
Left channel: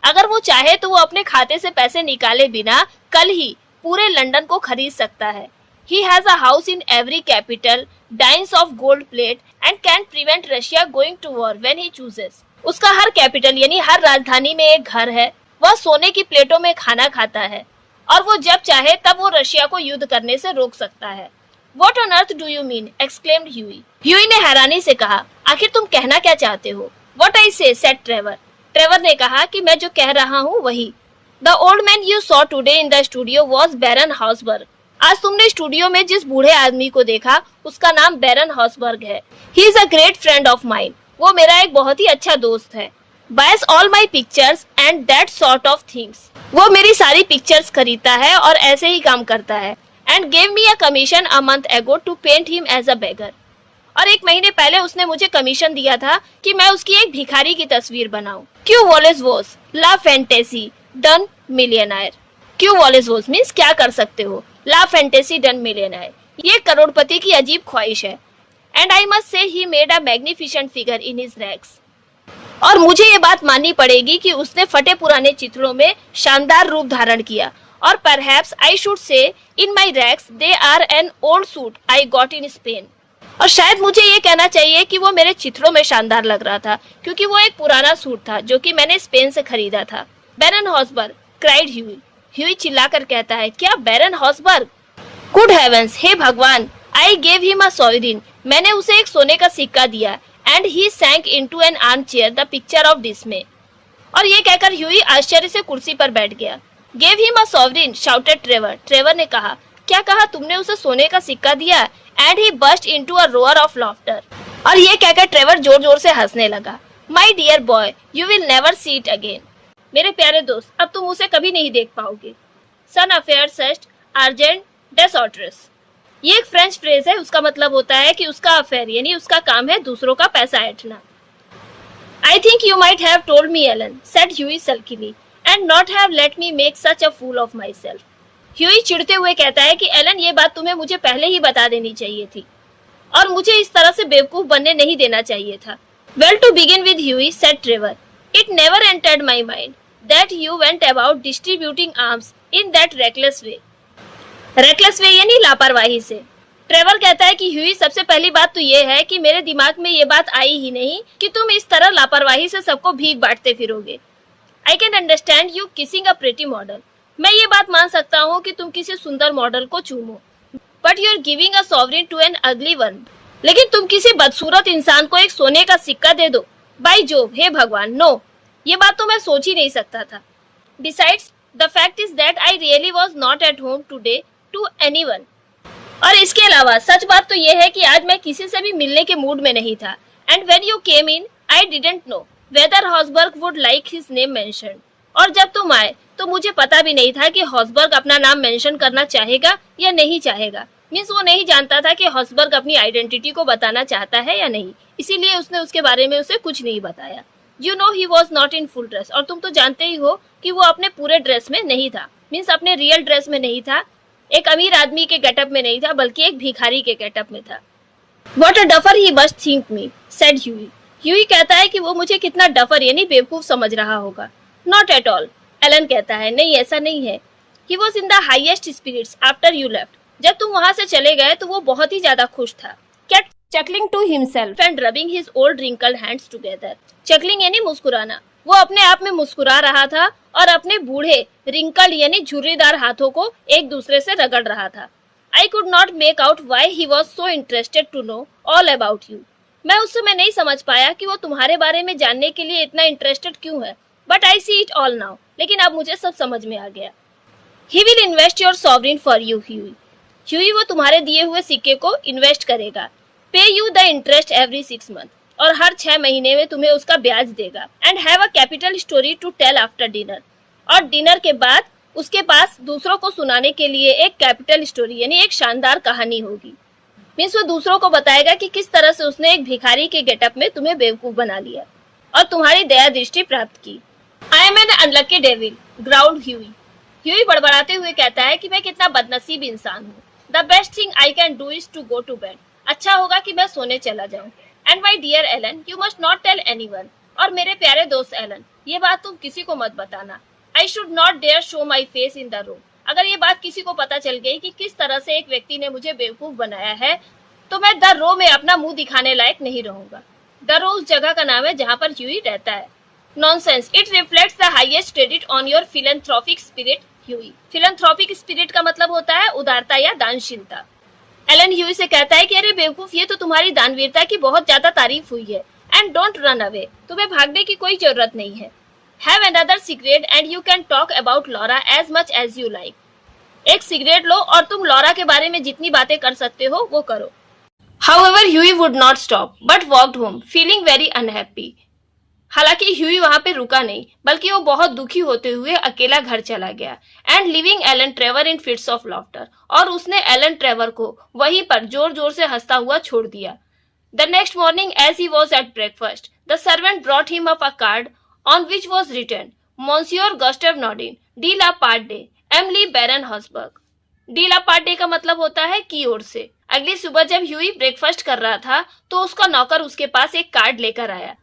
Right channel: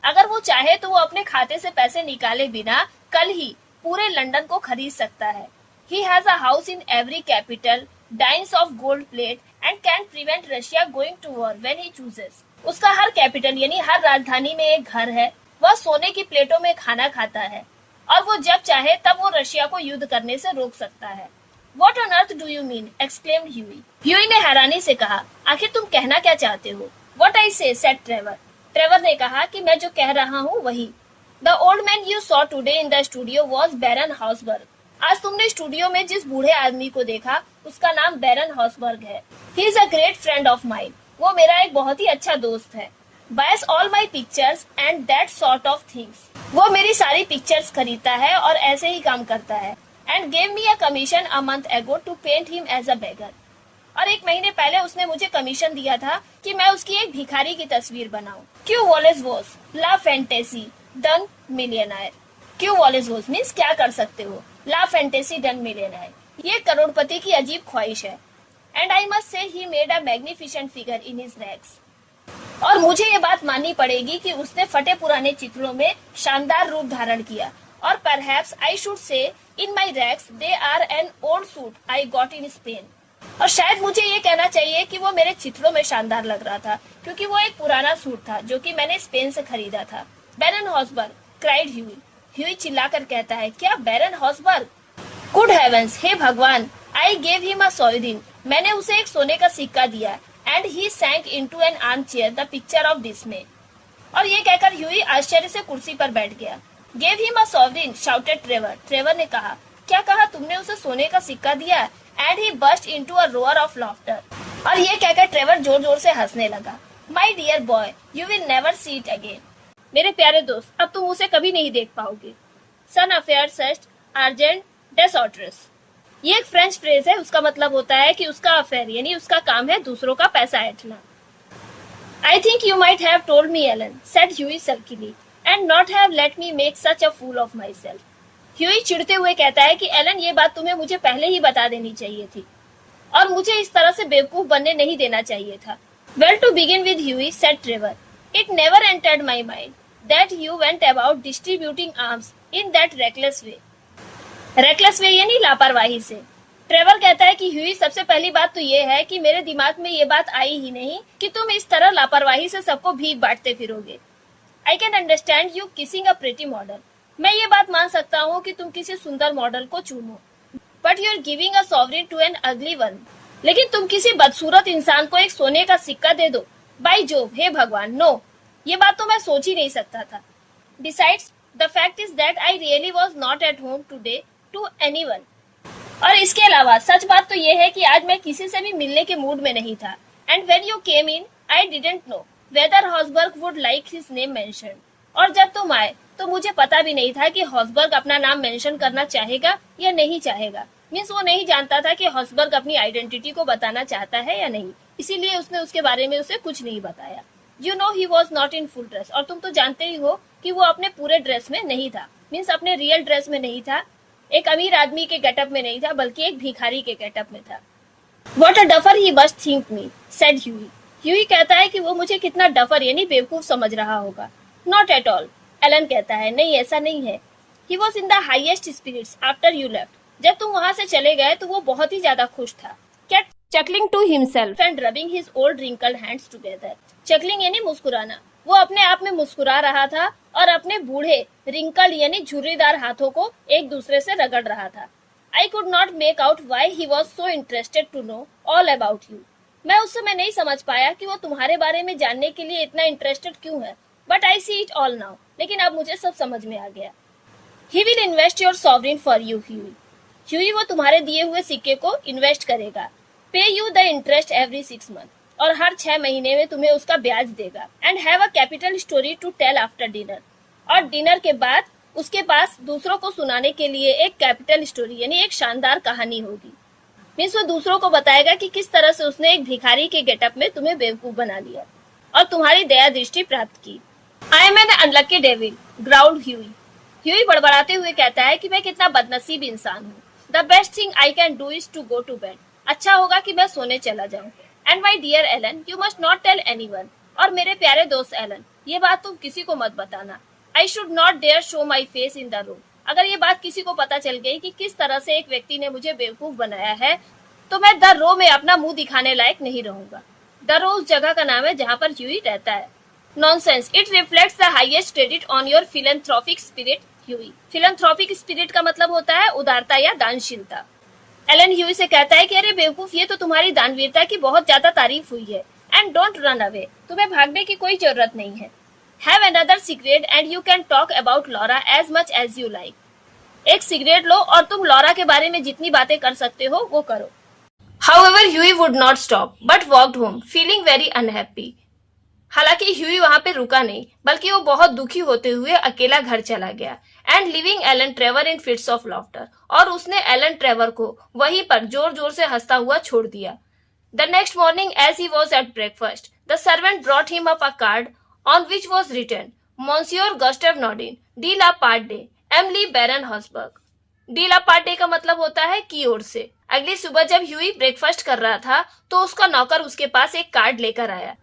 अगर वो चाहे तो वो अपने खाते से पैसे निकाले बिना कल ही पूरे लंदन को खरीद सकता है। He has a house in every capital, dines of gold plate and can prevent Russia going to war when he chooses. उसका हर कैपिटल यानी हर राजधानी में एक घर है। वह सोने की प्लेटों में खाना खाता है और वो जब चाहे तब वो रशिया को युद्ध करने से रोक सकता है। What on earth do you mean? exclaimed Huey. Huey ने हैरानी से कहा, आखिर तुम कहना क्या चाहते हो? What I say, said Trevor. Trevor ने कहा कि मैं जो कह रहा हूँ वही। The old man you saw today in the studio was Baron Hausberg. आज तुमने स्टूडियो में जिस बूढ़े आदमी को देखा उसका नाम बैरन हॉसबर्ग है। He is a great friend of mine. वो मेरा एक बहुत ही अच्छा दोस्त है। Buys all my pictures and that sort of things. वो मेरी सारी पिक्चर्स खरीदता है और ऐसे ही काम करता है। And gave me a commission a month ago to paint him as a beggar. और एक महीने पहले उसने मुझे कमीशन दिया था कि मैं उसकी एक भिखारी की तस्वीर बनाऊं। क्यों वॉलेस वोस ला फैंटेसी डन मिलियनायर। क्यों वॉलेस वोस मीन्स क्या कर सकते हो, ला फैंटेसी डन मिलियनायर ये करोड़पति की अजीब ख्वाहिश है। And I must say he made a magnificent figure in his rags. और मुझे ये बात माननी पड़ेगी कि उसने फटे पुराने चित्रों में शानदार रूप धारण किया। और perhaps I should say in my rags they are an old suit I got in Spain. और शायद मुझे ये कहना चाहिए कि वो मेरे चित्रों में शानदार लग रहा था क्योंकि वो एक पुराना सूट था जो कि मैंने स्पेन से खरीदा था। बैरन हॉसबर्ग, क्राइड ह्यूई। ह्यूई चिल्लाकर कहता है, क्या बैरन हॉसबर्ग? गुड हेवेंस, हे भगवान, I gave him a sovereign. मैंने उसे एक सोने का सिक्का दिया। and he sank into an armchair, the picture of dismay. और ये कहकर ह्यूई आश्चर्य से कुर्सी पर बैठ गया. Gave him a sovereign, shouted Trevor. Trevor ने कहा. क्या कहा तुमने? उसे सोने का सिक्का दिया? And he burst into a roar of laughter. और ये कहकर ट्रेवर जोर जोर से हंसने लगा. My dear boy, you will never see it again. मेरे प्यारे दोस्त, अब तुम उसे कभी नहीं देख पाओगे. Son affair such argent des autres. ये एक फ्रेंच फ्रेज है. उसका मतलब होता है कि उसका अफेयर यानी उसका काम है दूसरों का पैसा ऐंठना. I think you might have told me, Ellen, said Huey sulkily, and not have let me make such a fool of myself. Huey चिढ़ते हुए कहता है कि एलन ये बात तुम्हें मुझे पहले ही बता देनी चाहिए थी और मुझे इस तरह से बेवकूफ बनने नहीं देना चाहिए था. Well, to begin with, Huey, said Trevor, it never entered my mind that you went about distributing arms in that reckless way. Reckless way यानी लापरवाही से. ट्रेवर कहता है कि ह्यूई सबसे पहली बात तो ये है कि मेरे दिमाग में ये बात आई ही नहीं कि तुम इस तरह लापरवाही से सबको भीख बांटते फिरोगे. I can understand you kissing a pretty model. मैं ये बात मान सकता हूँ कि तुम किसी सुंदर मॉडल को चूमो. But you are giving a sovereign to an ugly one. लेकिन तुम किसी बदसूरत इंसान को एक सोने का सिक्का दे दो. बाय जोव, हे भगवान, नो. ये बात तो मैं सोच ही नहीं सकता था. Besides the fact is that I really was not at home today to anyone. और इसके अलावा सच बात तो ये है कि आज मैं किसी से भी मिलने के मूड में नहीं था. And when you came in I didn't know whether Hausberg would like his name mention. और जब तुम आए तो मुझे पता भी नहीं था कि हॉसबर्ग अपना नाम मेंशन करना चाहेगा या नहीं चाहेगा. मीन्स वो नहीं जानता था कि हॉसबर्ग अपनी आइडेंटिटी को बताना चाहता है या नहीं, इसीलिए उसने उसके बारे में उसे कुछ नहीं बताया. You know he was not in full dress. और तुम तो जानते ही हो कि वो अपने पूरे ड्रेस में नहीं था. मीन्स अपने रियल ड्रेस में नहीं था, एक अमीर आदमी के गेटअप में नहीं था, बल्कि एक भिखारी के गेटअप में था. What a duffer he must think me, said Huey. Huey कहता है कि वो मुझे कितना डफर यानी बेवकूफ समझ रहा होगा. Not at all. एलन कहता है, नहीं ऐसा नहीं है. He was in the highest spirits after you left. जब तुम वहाँ से चले गए तो वो बहुत ही ज्यादा खुश था. Kept chuckling to himself and rubbing his old wrinkled hands together. Chuckling यानी मुस्कुराना. वो अपने आप में मुस्कुरा रहा था और अपने बूढ़े रिंकल यानी झुर्रीदार हाथों को एक दूसरे से रगड़ रहा था. I could not make out why he was so interested to know all about you. मैं उस समय नहीं समझ पाया कि वो तुम्हारे बारे में जानने के लिए इतना इंटरेस्टेड क्यों है. But I see it all now. लेकिन अब मुझे सब समझ में आ गया. He will invest your sovereign for you, Huey. Huey वो तुम्हारे दिए हुए सिक्के को इन्वेस्ट करेगा. Pay you the interest every 6 months. और हर 6 महीने में तुम्हें उसका ब्याज देगा. And have a capital story to tell after dinner. और डिनर के बाद उसके पास दूसरों को सुनाने के लिए एक कैपिटल स्टोरी यानी एक शानदार कहानी होगी. मीन्स वो दूसरों को बताएगा कि किस तरह से उसने एक भिखारी के गेटअप में तुम्हें बेवकूफ बना लिया और तुम्हारी दया दृष्टि प्राप्त की. I am an unlucky devil, growled Hughie. Hughie बड़बड़ाते हुए कहता है कि मैं कितना बदनसीब इंसान हूँ. The best thing I can do is to go to bed. अच्छा होगा कि मैं सोने चला जाऊँ. And my dear Alan, you must not tell anyone. और मेरे प्यारे दोस्त एलन, ये बात तुम किसी को मत बताना. I should not dare show my face in the room. अगर ये बात किसी को पता चल गई कि किस तरह से एक व्यक्ति ने मुझे बेवकूफ बनाया है तो मैं द रो में अपना मुंह दिखाने लायक नहीं रहूंगा. द रो उस जगह का नाम है जहाँ पर ह्यूई रहता है. Nonsense. It reflects the highest credit on your philanthropic spirit, Huey. Philanthropic spirit का मतलब होता है उदारता या दानशीलता. एलन ह्यूई से कहता है कि अरे बेवकूफ, ये तो तुम्हारी दानवीरता की बहुत ज्यादा तारीफ हुई है. And don't run away. तुम्हें भागने की कोई जरूरत नहीं है. Have another cigarette and you can talk about Laura as much as you like. एक सिगरेट लो और तुम लॉरा के बारे में जितनी बातें कर सकते हो वो करो. However Huey would not stop but walked home feeling very unhappy. हालांकि ह्यूई वहां पे रुका नहीं, बल्कि वो बहुत दुखी होते हुए अकेला घर चला गया. And leaving Alan Trevor in fits of laughter. और उसने एलन ट्रेवर को वहीं पर जोर जोर से हंसता हुआ छोड़ दिया. The next morning as he was at breakfast the servant brought him up a card on which was written Monsieur Gustave Naudin de la parde M le Baron Hausberg. De la parde का मतलब होता है की ओर से. अगली सुबह जब ह्यूई ब्रेकफास्ट कर रहा था तो उसका नौकर उसके पास एक कार्ड लेकर आया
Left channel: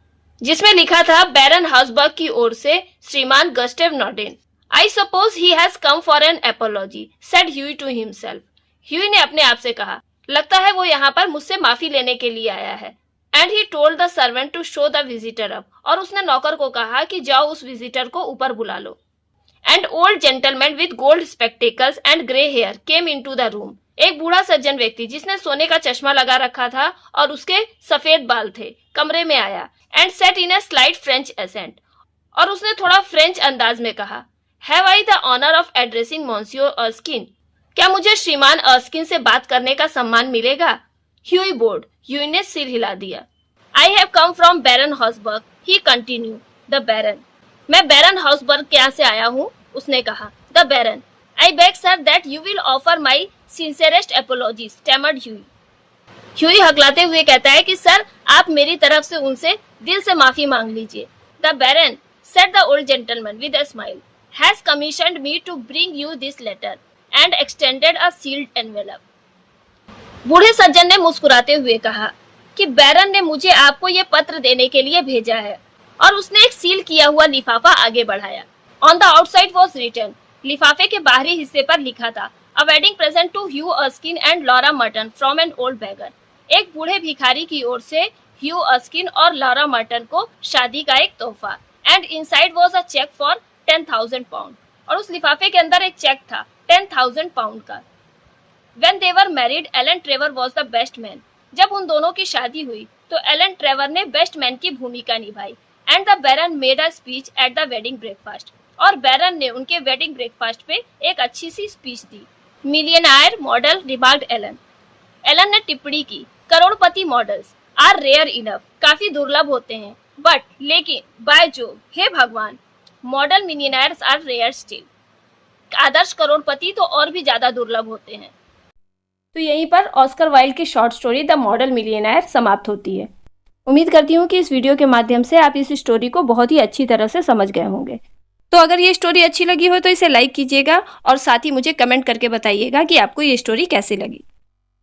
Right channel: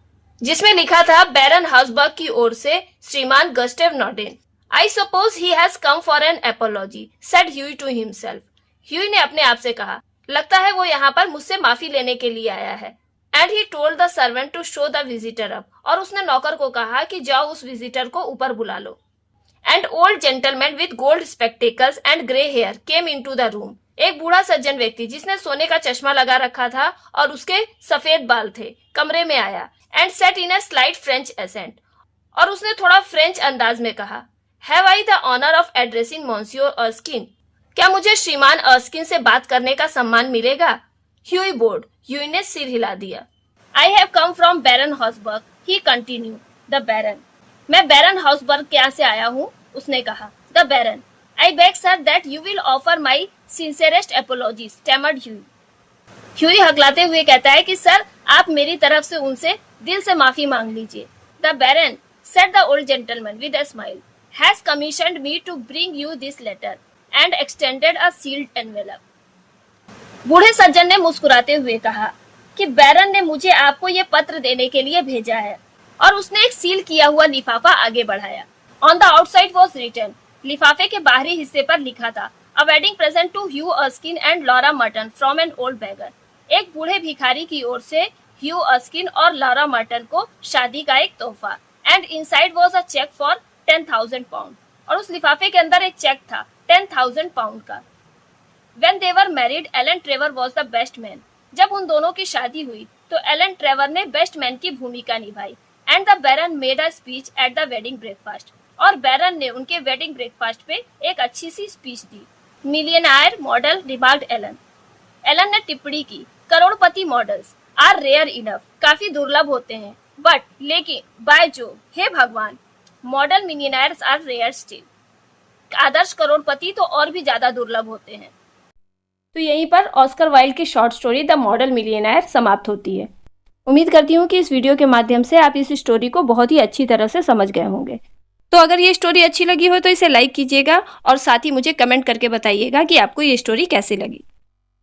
जिसमें लिखा था बैरन हॉसबर्ग की ओर से श्रीमान गस्टेव Nordin. I suppose he has come for an apology, said Huey to himself. Huey ने अपने आप से कहा, लगता है वो यहाँ पर मुझसे माफी लेने के लिए आया है. And he told the servant to show the visitor up. और उसने नौकर को कहा कि जाओ उस विजिटर को ऊपर बुला लो. And old gentleman with gold spectacles and grey hair came into the room. एक बूढ़ा सज्जन व्यक्ति जिसने सोने का चश्मा लगा रखा था और उसके सफेद बाल थे कमरे में आया and said in a slight French accent, और उसने थोड़ा फ्रेंच अंदाज में कहा, have I the honour of addressing Monsieur Erskine? क्या मुझे श्रीमान अर्स्किन से बात करने का सम्मान मिलेगा? ह्यूई बोर्ड, ह्यूई ने सिर हिला दिया। I have come from Baron Hausberg, he continued. The Baron, मैं बैरन हाउसबर्ग के यहाँ से आया हूँ, उसने कहा। The Baron, I beg sir that you will offer my sincerest apologies, stammered Hughie. Hughie हकलाते हुए कहता है कि सर, आप मेरी तरफ से उनसे दिल से माफी मांग लीजिए। The Baron, said the old gentleman with a smile, has commissioned me to bring you this letter and extended a sealed envelope. बूढ़े सज्जन ने मुस्कुराते हुए कहा कि बैरन ने मुझे आपको ये पत्र देने के लिए भेजा है, और उसने एक सील किया हुआ लिफाफा आगे बढ़ाया। On the outside was written, लिफाफे के बाहरी हिस्से पर लिखा था, a wedding present to Hugh Erskine and Laura Merton from an old beggar. एक बूढ़े भिखारी की ओर से ह्यू अर्स्किन और लॉरा मर्टन को शादी का एक तोहफा। And inside was a cheque for 10,000 pound, और उस लिफाफे के अंदर एक चेक था 10,000 पाउंड का। When they were married, Alan Trevor was the best man. जब उन दोनों की शादी हुई तो एलन ट्रेवर ने बेस्ट मैन की भूमिका निभाई। And the Baron made a speech at the wedding breakfast, और बैरन ने उनके वेडिंग ब्रेकफास्ट पे एक अच्छी सी स्पीच दी। Millionaire model, remarked Alan. Alan ने टिप्पणी की, करोड़पति मॉडल्स आर रेयर इनफ, काफी दुर्लभ होते हैं, बट लेकिन बाय जो, हे भगवान, मॉडल मिलियनायर्स आर रेयर स्टिल, आदर्श करोड़पति तो और भी ज्यादा दुर्लभ होते हैं। तो यहीं पर ऑस्कर वाइल्ड की शॉर्ट स्टोरी द मॉडल मिलियनायर समाप्त होती है। उम्मीद करती हूँ कि इस वीडियो के माध्यम से आप इस स्टोरी को बहुत ही अच्छी तरह से समझ गए होंगे। तो अगर ये स्टोरी अच्छी लगी हो तो इसे लाइक कीजिएगा और साथ ही मुझे कमेंट करके बताइएगा कि आपको ये स्टोरी कैसी लगी।